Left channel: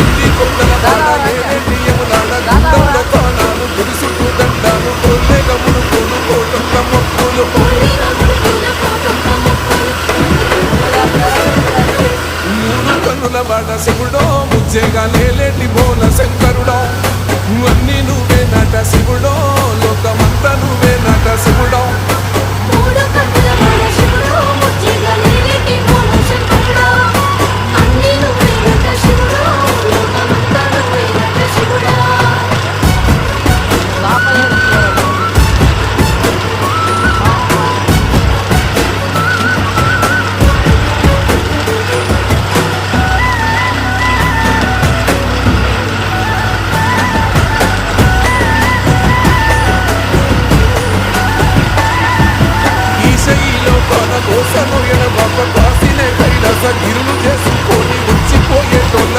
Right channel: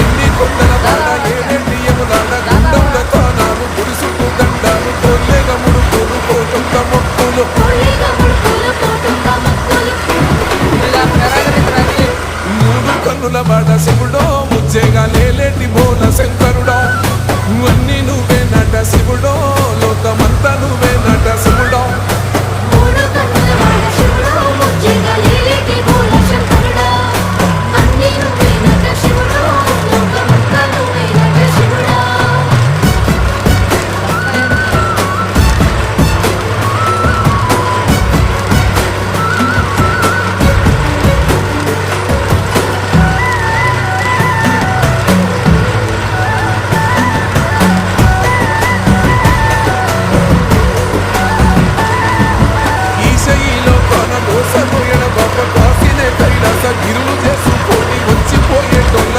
ఎండి కొండల వాడ ఏలేటి యములాడ గుండంలో కోనాలు గుడి చుట్టూ దండాలు కొల్లేగ ముడుపులు కోటొక్క మొక్కులు మూడు కన్నుల వాడ శివుడో ముచ్చేగా లేలేటి బోల శంకరుడో అన్నీ నువ్వే నట శివుడో లోకమంతా నువ్వే నట శివుడో ఈశయిలో కొన దోసను ఎడబాప కాసినే కైలాస గిరులు చేసుకొని వచ్చిపోయేటోళ్ళ